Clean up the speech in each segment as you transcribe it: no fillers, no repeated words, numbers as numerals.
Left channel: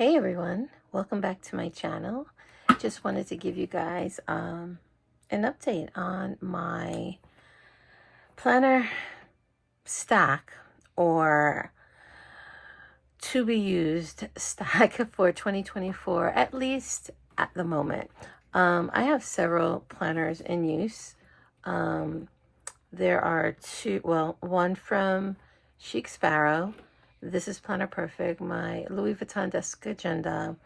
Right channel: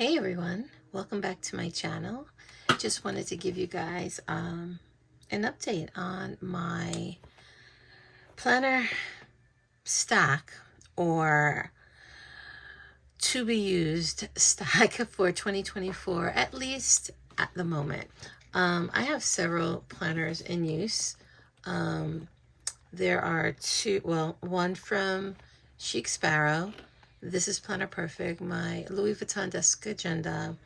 Hey everyone, welcome back to my channel. Just wanted to give you guys an update on my planner stack or to be used stack for 2024, at least at the moment. I have several planners in use. There are one from Chic Sparrow. This is Planner Perfect, my Louis Vuitton desk agenda,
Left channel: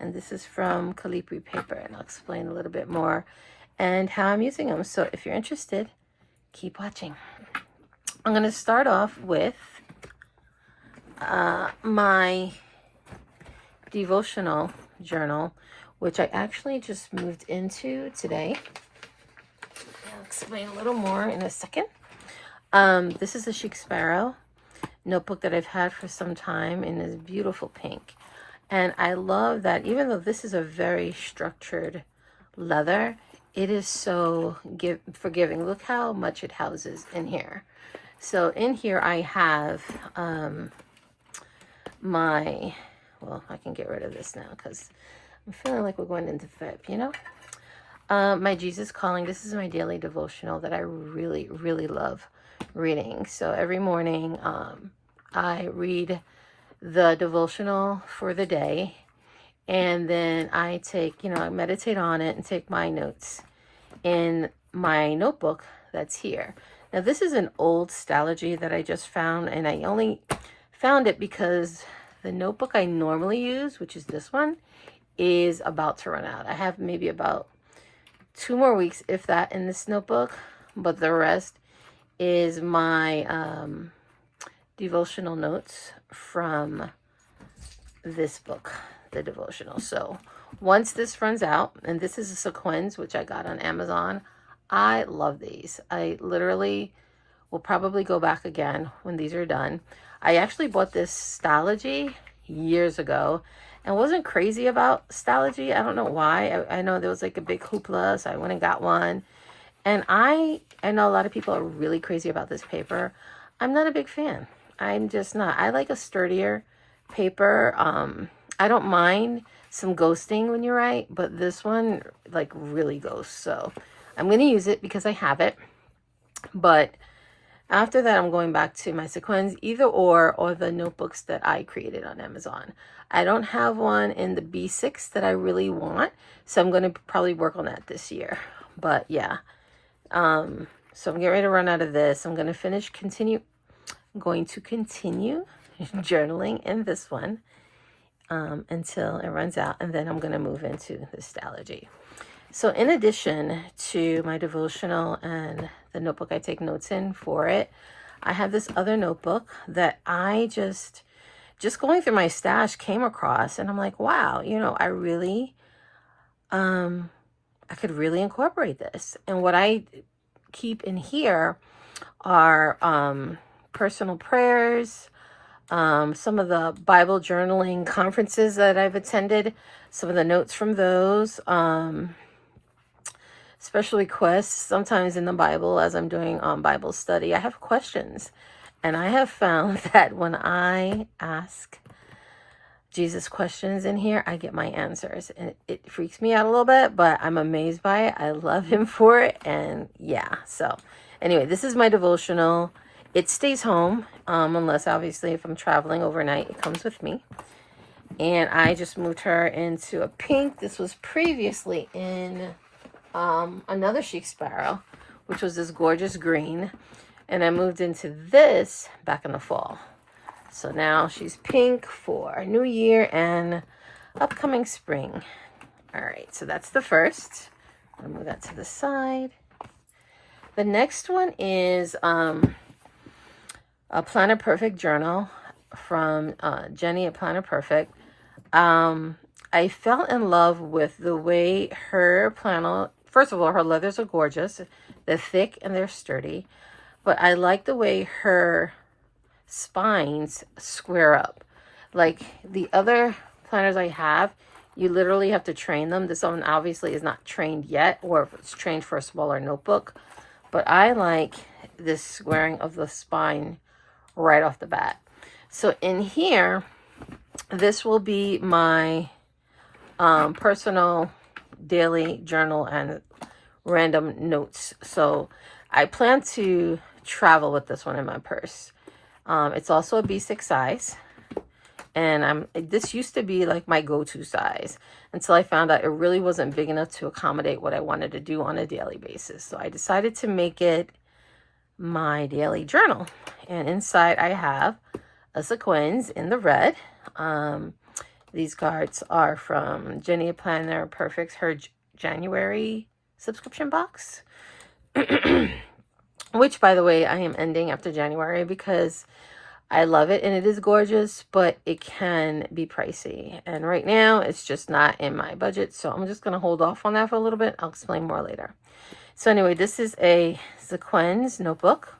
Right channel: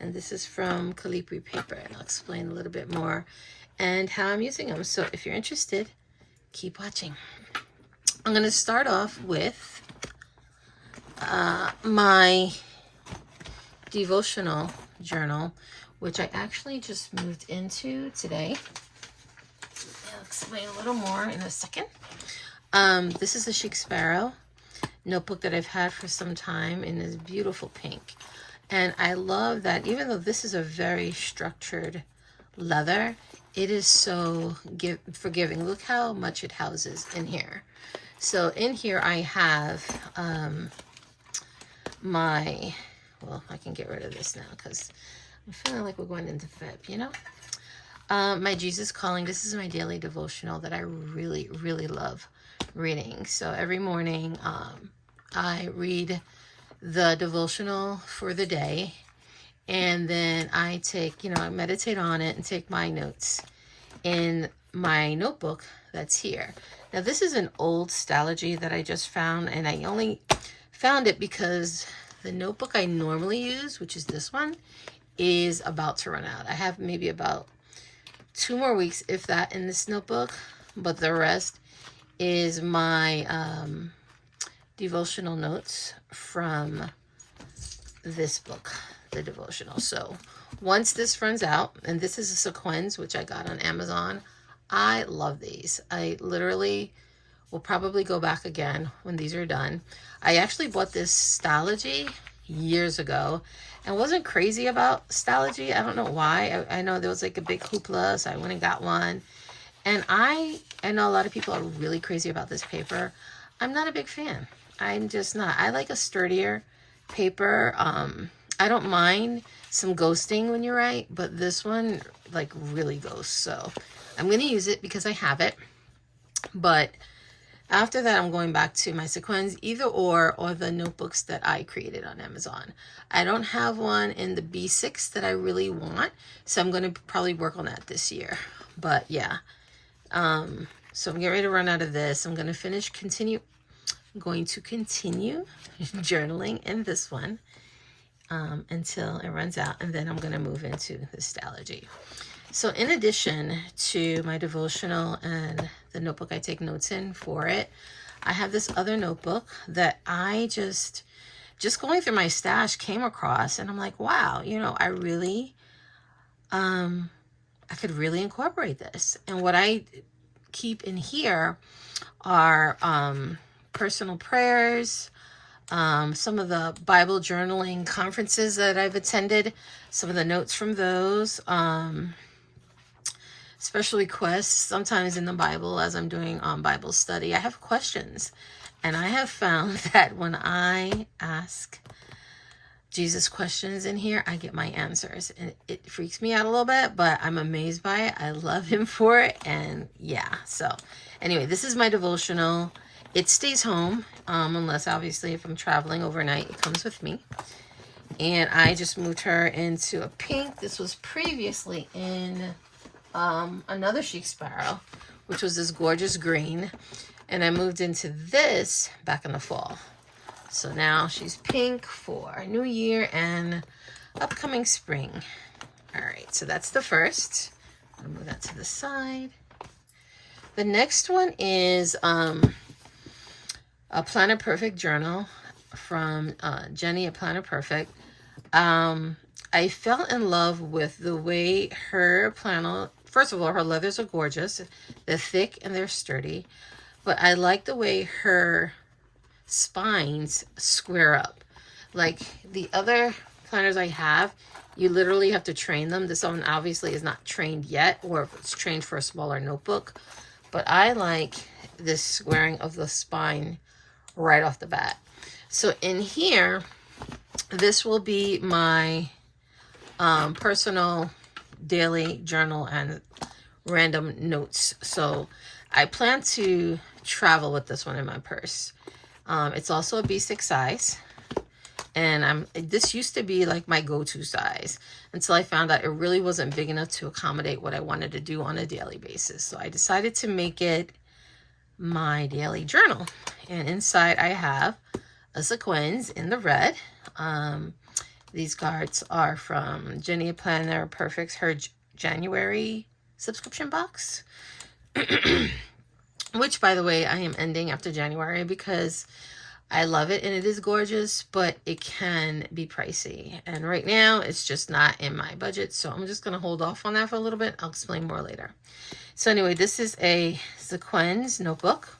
and this is from Calipari paper, and I'll explain a little bit more and how I'm using them. So if you're interested, keep watching. I'm going to start off with my devotional journal, which I actually just moved into today. I'll explain a little more in a second. This is a Chic Sparrow notebook that I've had for some time in this beautiful pink. And I love that even though this is a very structured leather, it is so forgiving. Look how much it houses in here. So in here I have I can get rid of this now because I'm feeling like we're going into Feb, you know? My Jesus Calling. This is my daily devotional that I really, really love reading. So every morning I read the devotional for the day, and then I take, I meditate on it and take my notes in my notebook that's here. Now this is an old Stalogy that I just found, and I only found it because the notebook I normally use, which is this one, is about to run out. I have maybe about 2 more weeks, if that, in this notebook, but the rest is my devotional notes from this book, the devotional. So once this runs out, and this is a sequins, which I got on Amazon. I love these. I literally will probably go back again when these are done. I actually bought this Stalogy years ago and wasn't crazy about Stalogy. I don't know why. I know there was like a big hoopla, so I went and got one. And I know a lot of people are really crazy about this paper. I'm not a big fan. I'm just not. I like a sturdier paper. I don't mind some ghosting when you write, but this one like really ghosts. So I'm going to use it because I have it. But after that, I'm going back to my sequins, either or the notebooks that I created on Amazon. I don't have one in the B6 that I really want, so I'm going to probably work on that this year. But yeah, so I'm getting ready to run out of this. I'm going to continue journaling in this one until it runs out, and then I'm going to move into the Stalogy. So in addition to my devotional and the notebook I take notes in for it, I have this other notebook that I just going through my stash came across, and I'm like, wow, I really, I could really incorporate this. And what I keep in here are personal prayers, some of the Bible journaling conferences that I've attended, some of the notes from those, special requests. Sometimes in the Bible, as I'm doing Bible study, I have questions, and I have found that when I ask Jesus questions in here, I get my answers, and it freaks me out a little bit, but I'm amazed by it. I love him for it. And yeah, so anyway, this is my devotional. It stays home, unless obviously if I'm traveling overnight, it comes with me. And I just moved her into a pink. This was previously in another Chic Sparrow, which was this gorgeous green. And I moved into this back in the fall. So now she's pink for New Year and upcoming spring. All right, so that's the first. I'm gonna move that to the side. The next one is a Planner Perfect journal from Jenny at Planner Perfect. I fell in love with the way her planner, first of all, her leathers are gorgeous. They're thick and they're sturdy. But I like the way her spines square up. Like the other planners I have, you literally have to train them. This one obviously is not trained yet, or if it's trained for a smaller notebook. But I like this squaring of the spine right off the bat. So in here, this will be my personal daily journal and random notes. So I plan to travel with this one in my purse. It's also a B6 size. And this used to be like my go-to size until I found out it really wasn't big enough to accommodate what I wanted to do on a daily basis. So I decided to make it my daily journal. And inside I have a sequins in the red. These cards are from Jenny Planner Perfect's her January subscription box. Which, by the way, I am ending after January because I love it and it is gorgeous, but it can be pricey. And right now it's just not in my budget. So I'm just going to hold off on that for a little bit. I'll explain more later. So anyway, this is a sequins notebook.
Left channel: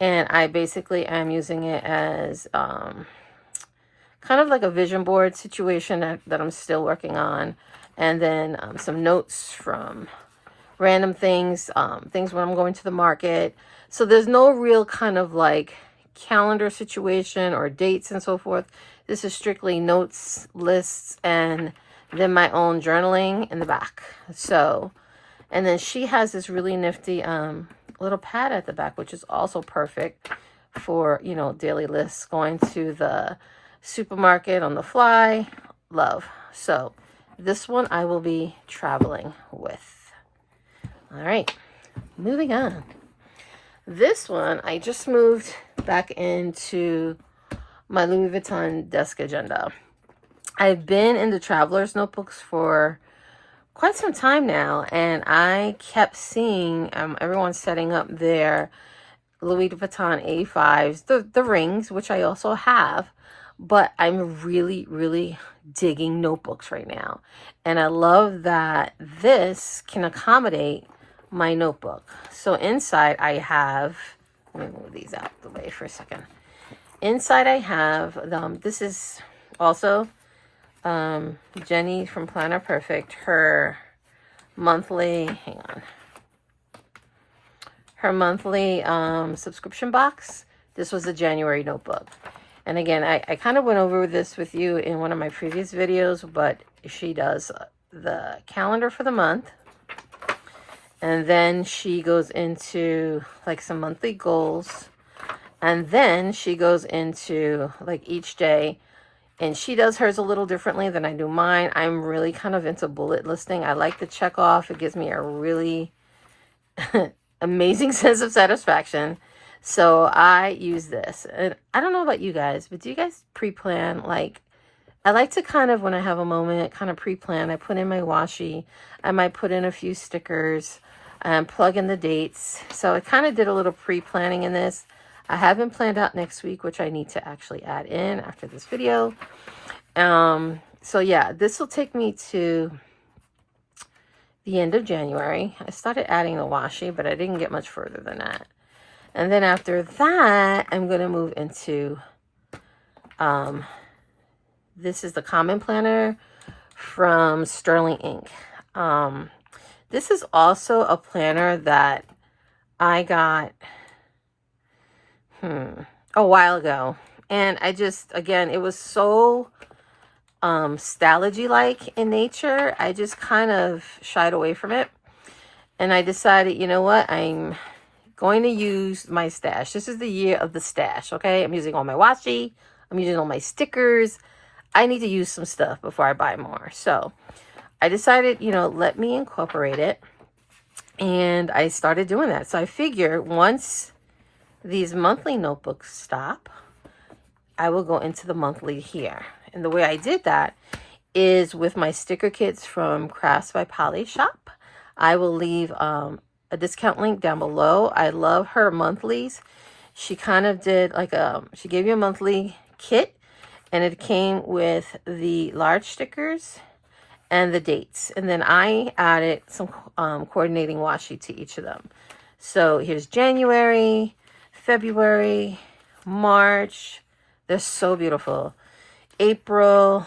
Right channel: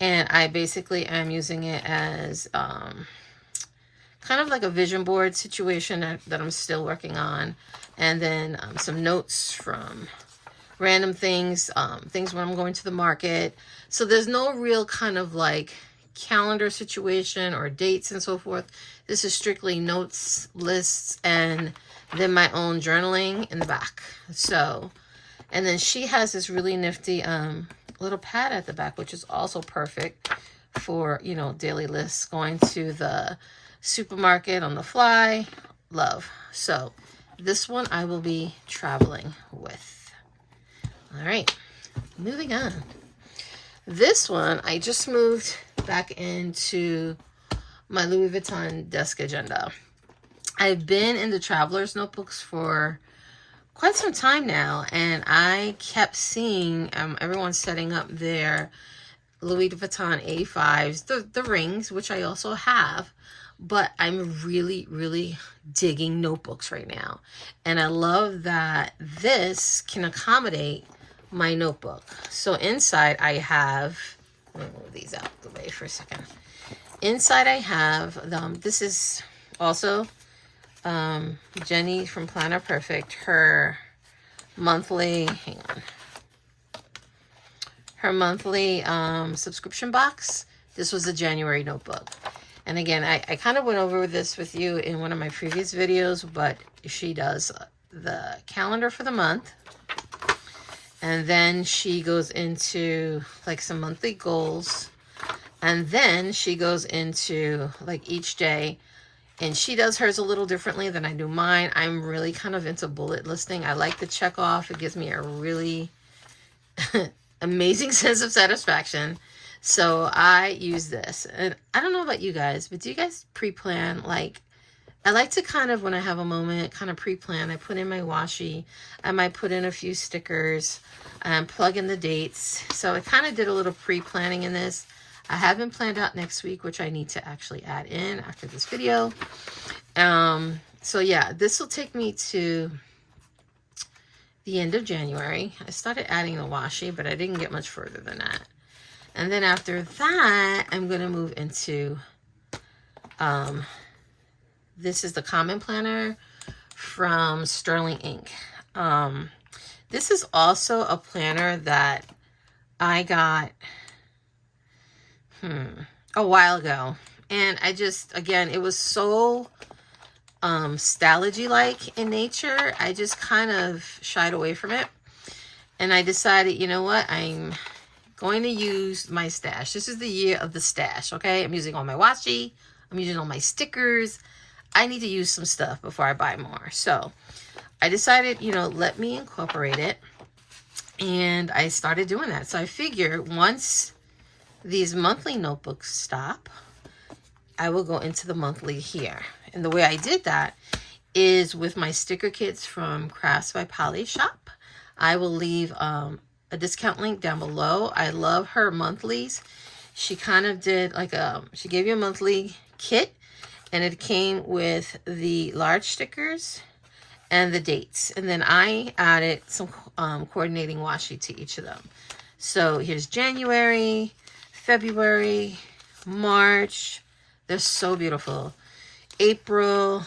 And I basically am using it as kind of like a vision board situation that I'm still working on. And then some notes from random things, things when I'm going to the market. So there's no real kind of like calendar situation or dates and so forth. This is strictly notes, lists, and then my own journaling in the back. So, and then she has this really nifty little pad at the back, which is also perfect for, you know, daily lists, going to the supermarket on the fly. Love. So this one I will be traveling with. All right, moving on. This one I just moved back into my Louis Vuitton desk agenda. I've been in the traveler's notebooks for quite some time now, and I kept seeing everyone setting up their Louis Vuitton A5s, the rings, which I also have, but I'm really, really digging notebooks right now. And I love that this can accommodate my notebook. So inside I have, let me move these out the way for a second. Inside I have, this is also Jenny from Planner Perfect, her monthly, her monthly subscription box. This was a January notebook. And again, I kind of went over this with you in one of my previous videos, but she does the calendar for the month. And then she goes into like some monthly goals. And then she goes into like each day. And she does hers a little differently than I do mine. I'm really kind of into bullet listing. I like to check off. It gives me a really amazing sense of satisfaction. So I use this. And I don't know about you guys, but do you guys pre-plan? Like, I like to kind of, when I have a moment, kind of pre-plan. I put in my washi. I might put in a few stickers and plug in the dates. So I kind of did a little pre-planning in this. I haven't planned out next week, which I need to actually add in after this video. So yeah, this will take me to the end of January. I started adding the washi, but I didn't get much further than that. And then after that, I'm going to move into, this is the Common Planner from Sterling Ink. This is also a planner that I got a while ago. And I just, again, it was so stylogy-like in nature. I just kind of shied away from it. And I decided, you know what, I'm going to use my stash. This is the year of the stash, okay? I'm using all my washi. I'm using all my stickers. I need to use some stuff before I buy more. So I decided, you know, let me incorporate it. And I started doing that. So I figure once these monthly notebooks stop, I will go into the monthly here. And the way I did that is with my sticker kits from Crafts by Polly Shop. I will leave a discount link down below. I love her monthlies. She kind of did like she gave you a monthly kit, and it came with the large stickers and the dates. And then I added some coordinating washi to each of them. So here's January, February, March. They're so beautiful. April,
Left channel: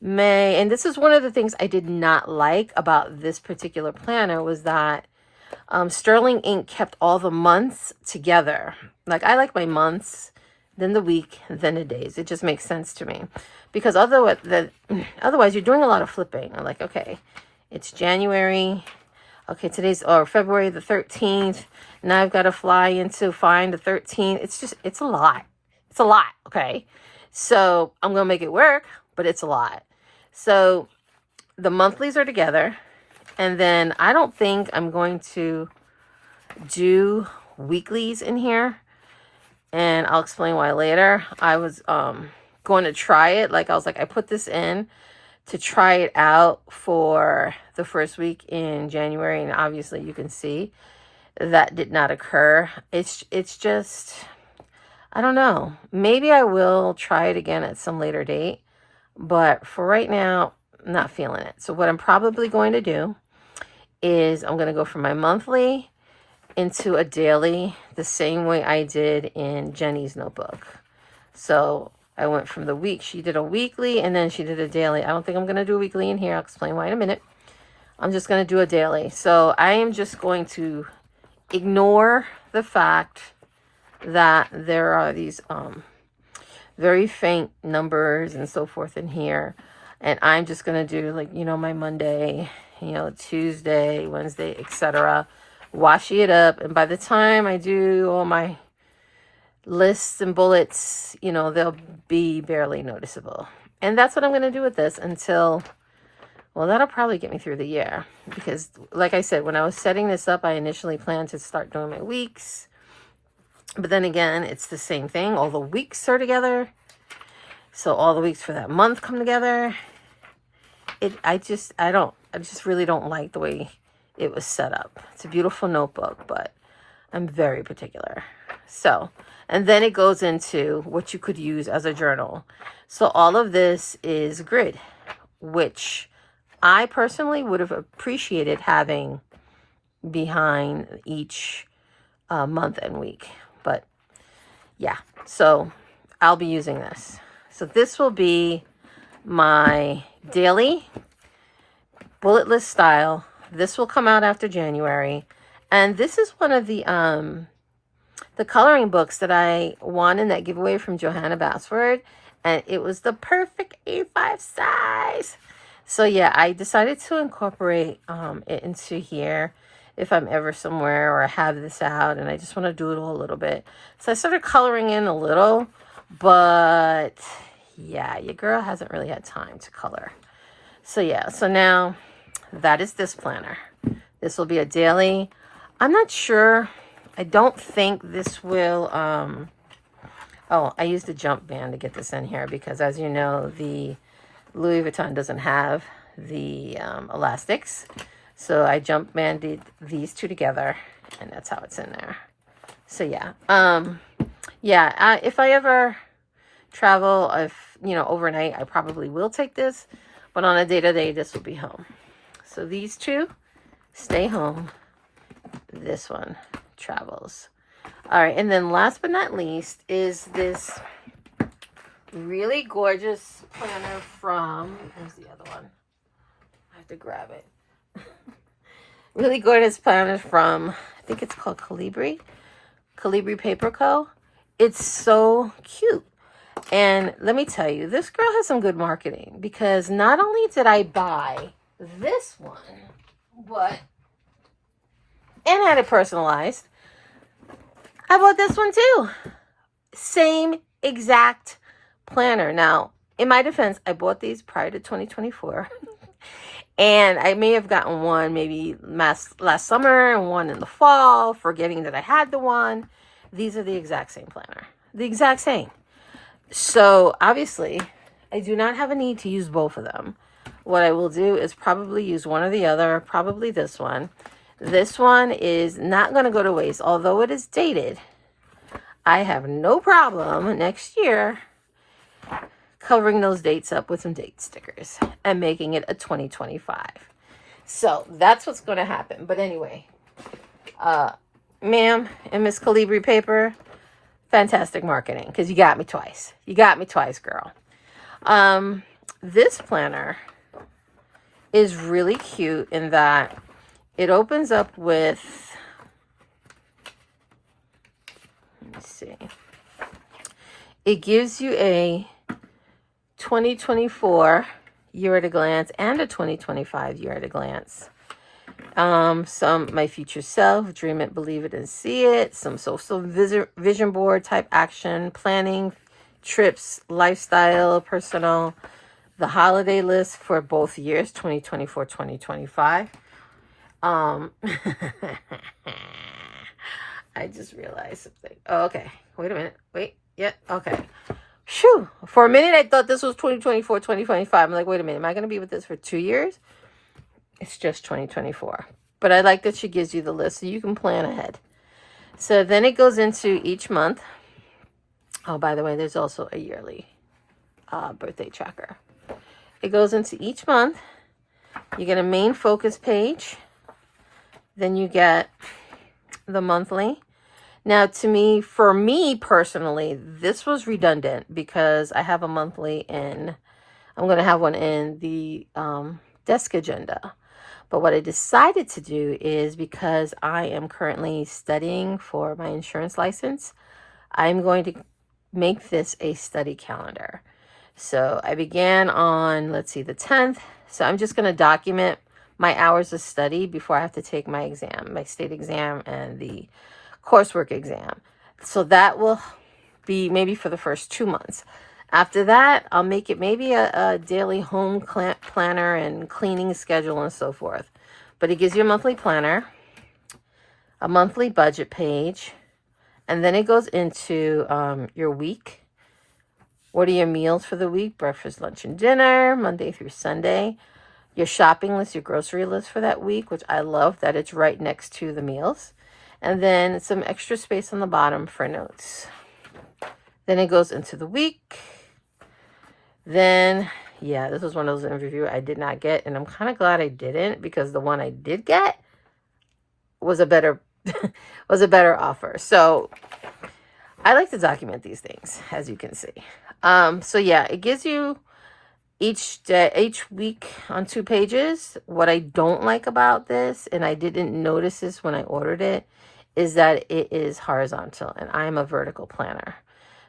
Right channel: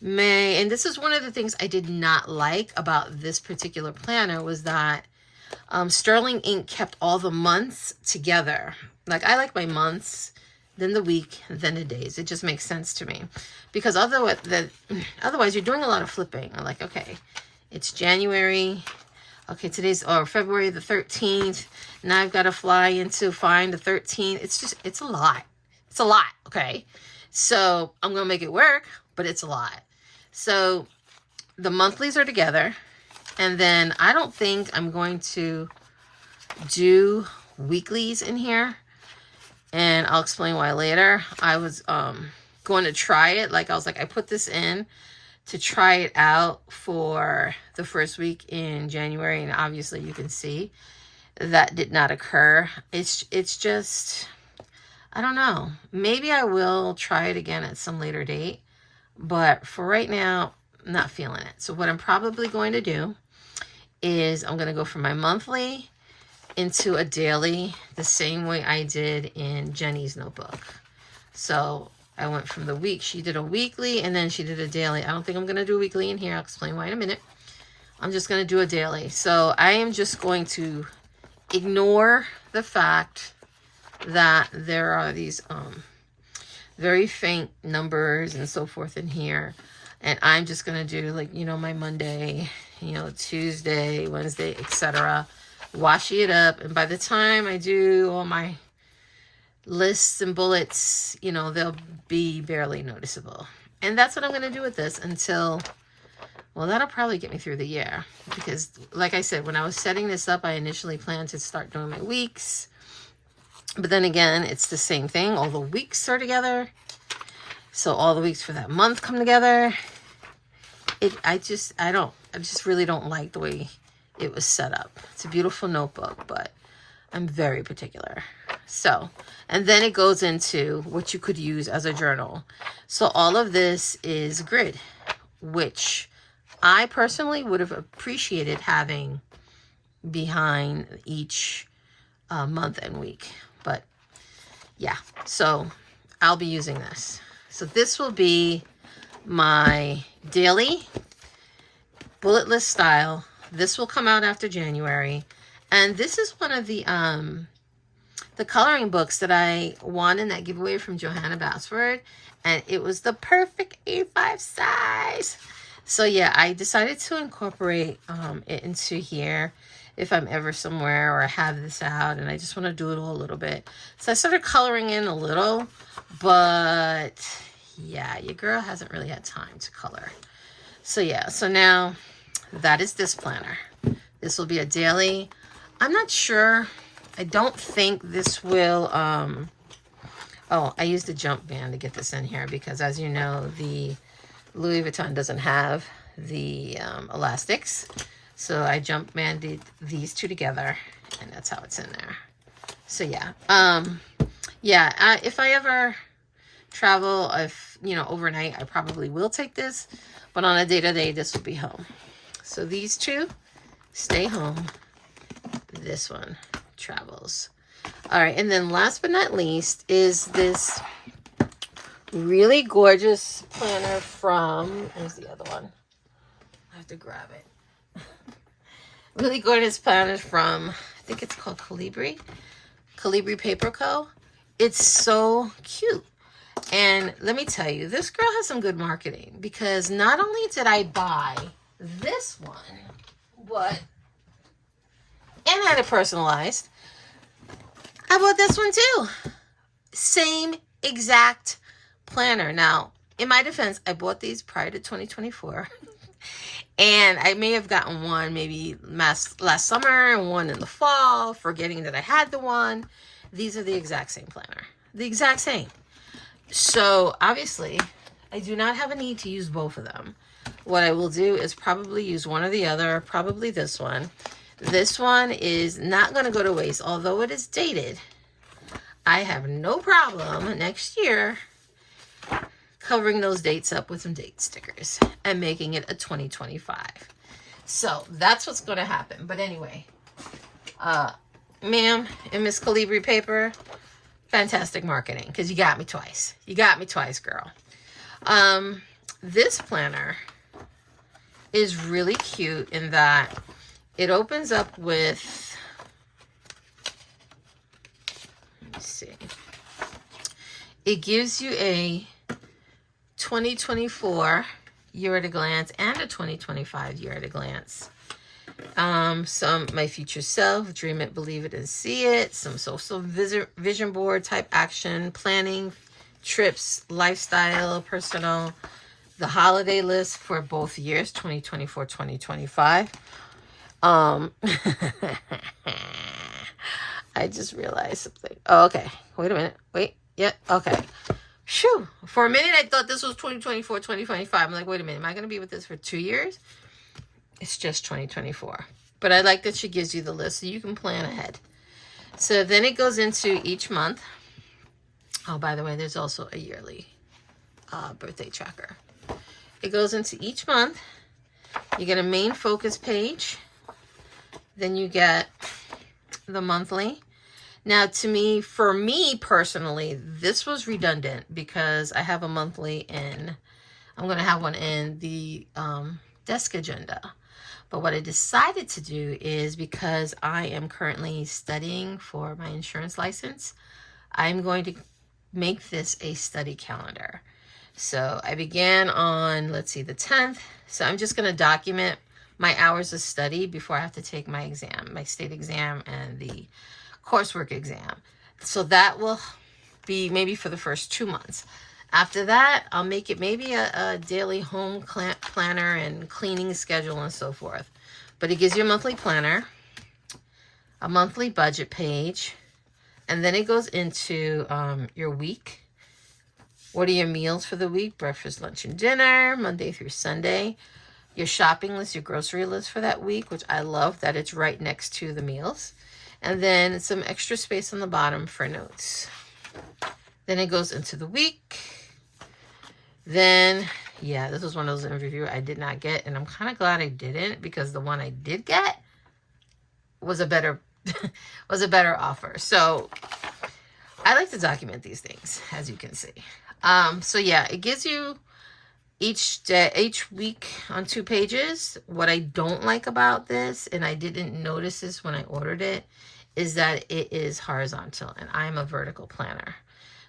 May. And this is one of the things I did not like about this particular planner, was that Sterling Ink kept all the months together. Like, I like my months then the week, then the days. It just makes sense to me. Because otherwise you're doing a lot of flipping. I'm like, okay, it's January. Okay, or February the 13th. Now I've got to fly into find the 13th. It's a lot. It's a lot, okay? So I'm going to make it work, but it's a lot. So the monthlies are together. And then I don't think I'm going to do weeklies in here. And I'll explain why later. I was going to try it. Like, I was like, I put this in to try it out for the first week in January. And obviously you can see that did not occur. It's just, I don't know. Maybe I will try it again at some later date. But for right now, I'm not feeling it. So what I'm probably going to do is I'm going to go from my monthly into a daily the same way I did in Jenny's notebook. So I went from the week. She did a weekly and then she did a daily. I don't think I'm going to do a weekly in here. I'll explain why in a minute. I'm just going to do a daily. So I am just going to ignore the fact that there are these very faint numbers and so forth in here. And I'm just going to do, like, you know, my Monday, you know, Tuesday, Wednesday, etc. Washing it up. And by the time I do all my lists and bullets, you know, they'll be barely noticeable. And that's what I'm going to do with this until, well, that'll probably get me through the year. Because, like I said, when I was setting this up, I initially planned to start doing my weeks. But then again, it's the same thing. All the weeks are together. So all the weeks for that month come together. I just really don't like the way it was set up. It's a beautiful notebook, but I'm very particular. So, and then it goes into what you could use as a journal. So all of this is grid, which I personally would have appreciated having behind each month and week. But yeah, so I'll be using this. So this will be my daily bullet list style. This will come out after January. And this is one of the coloring books that I won in that giveaway from Johanna Basford. And it was the perfect A5 size. So yeah, I decided to incorporate it into here if I'm ever somewhere or I have this out and I just want to doodle a little bit. So I started coloring in a little, but yeah, your girl hasn't really had time to color. So yeah, so now that is this planner. This will be a daily. I'm not sure. I don't think this will, oh, I used a jump band to get this in here because, as you know, the Louis Vuitton doesn't have the elastics. So I jump banded these two together and that's how it's in there. So yeah, if I ever travel, overnight, I probably will take this, but on a day-to-day, this will be home. So these two stay home. This one travels. All right, and then last but not least is this really gorgeous planner from, where's the other one? I have to grab it. Really gorgeous planner from, I think it's called Calibri Paper Co. It's so cute. And let me tell you, this girl has some good marketing because not only did I buy this one, and I had it personalized, I bought this one too. Same exact planner. Now, in my defense, I bought these prior to 2024. And I may have gotten one maybe last summer and one in the fall, forgetting that I had the one. These are the exact same planner. The exact same. So, obviously, I do not have a need to use both of them. What I will do is probably use one or the other, probably this one. This one is not going to go to waste, although it is dated. I have no problem next year covering those dates up with some date stickers and making it a 2025. So that's what's going to happen. But anyway, ma'am and Miss Calibri Paper, fantastic marketing because you got me twice. You got me twice, girl. This planner is really cute in that it opens up with, let me see. it gives you a 2024 year at a glance and a 2025 year at a glance. Some my future self, dream it, believe it, and see it. Some social vision board type action, planning, trips, lifestyle, personal, the holiday list for both years, 2024, 2025. I just realized something. Oh, okay. Wait a minute. Wait. Yeah. Okay. Phew. For a minute, I thought this was 2024, 2025. I'm like, wait a minute. Am I going to be with this for 2 years? It's just 2024. But I like that she gives you the list so you can plan ahead. So then it goes into each month. Oh, by the way, there's also a yearly birthday tracker. It goes into each month. You get a main focus page. Then you get the monthly. Now, for me personally, this was redundant because I have a monthly in, I'm going to have one in the desk agenda. But what I decided to do is, because I am currently studying for my insurance license, I'm going to make this a study calendar. So I began on, let's see, the 10th. So I'm just going to document my hours of study before I have to take my exam, my state exam and the coursework exam. So that will be maybe for the first 2 months. After that, I'll make it maybe a daily home planner and cleaning schedule and so forth. But it gives you a monthly planner, a monthly budget page, and then it goes into your week. What are your meals for the week? Breakfast, lunch, and dinner, Monday through Sunday. Your shopping list, your grocery list for that week, which I love that it's right next to the meals. And then some extra space on the bottom for notes. Then it goes into the week. Then, yeah, this was one of those interviews I did not get. And I'm kind of glad I didn't, because the one I did get was a better offer. So I like to document these things, as you can see. So yeah, it gives you each week on 2 pages. What I don't like about this, and I didn't notice this when I ordered it, is that it is horizontal and I am a vertical planner.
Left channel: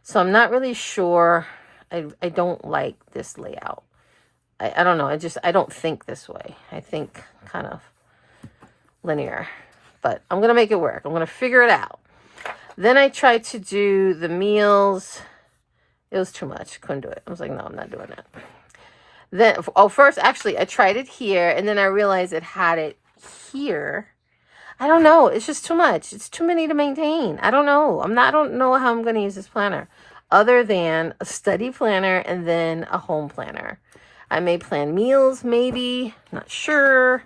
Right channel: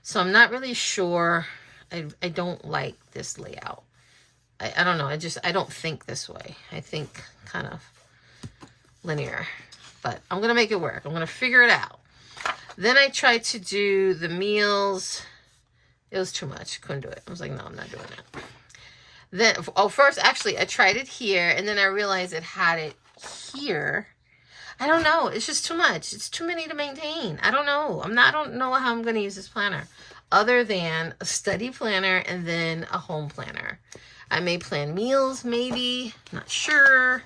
So I'm not really sure. I don't like this layout. I don't know. I don't think this way. I think kind of linear, but I'm going to make it work. I'm going to figure it out. Then I tried to do the meals. It was too much. Couldn't do it. I was like, no, I'm not doing it. Then, first, actually, I tried it here, and then I realized it had it here. I don't know. It's just too much. It's too many to maintain. I don't know. I don't know how I'm going to use this planner, other than a study planner and then a home planner. I may plan meals, maybe. Not sure.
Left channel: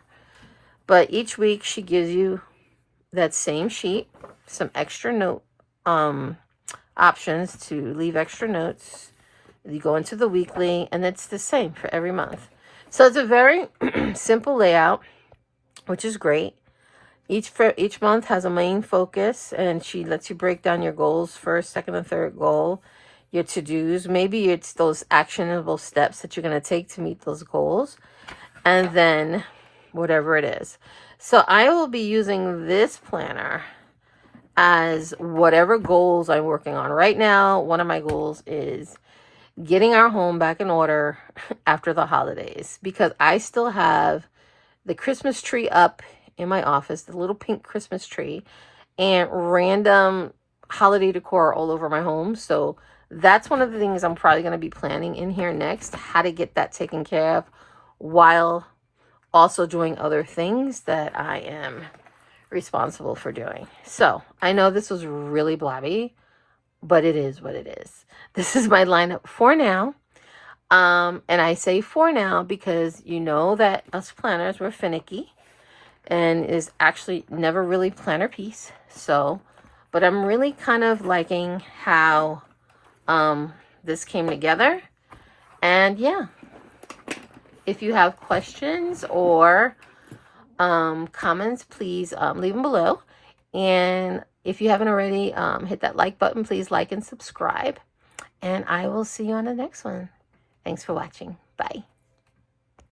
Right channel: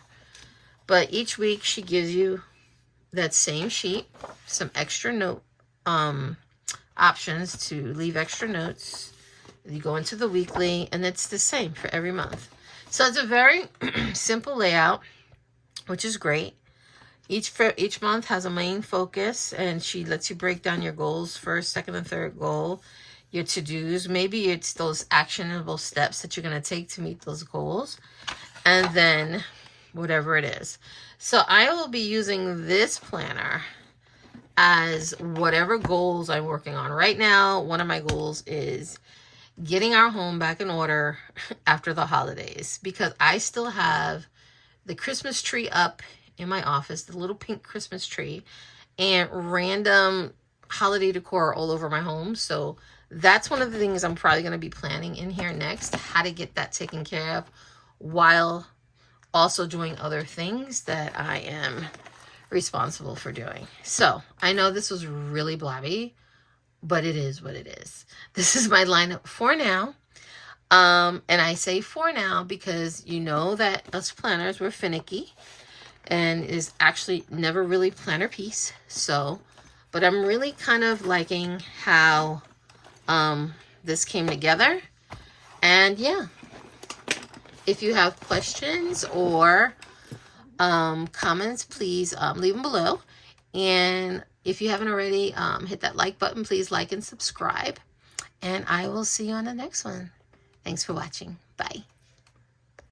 But each week, she gives you that same sheet, some extra note options to leave extra notes. You go into the weekly, and it's the same for every month. So it's a very simple layout, which is great. Each month has a main focus, and she lets you break down your goals, first, second, and third goal, your to-dos. Maybe it's those actionable steps that you're going to take to meet those goals, and then whatever it is. So I will be using this planner as whatever goals I'm working on. Right now, one of my goals is getting our home back in order after the holidays, because I still have the Christmas tree up in my office, the little pink Christmas tree, and random holiday decor all over my home. So that's one of the things I'm probably going to be planning in here next, how to get that taken care of while also doing other things that I am responsible for doing. So I know this was really blabby, but it is what it is. This is my lineup for now. And I say for now because you know that us planners were finicky and is actually never really planner piece. So, but I'm really kind of liking how this came together. And yeah, if you have questions or comments, please leave them below. And if you haven't already, hit that like button. Please like and subscribe. And I will see you on the next one. Thanks for watching. Bye.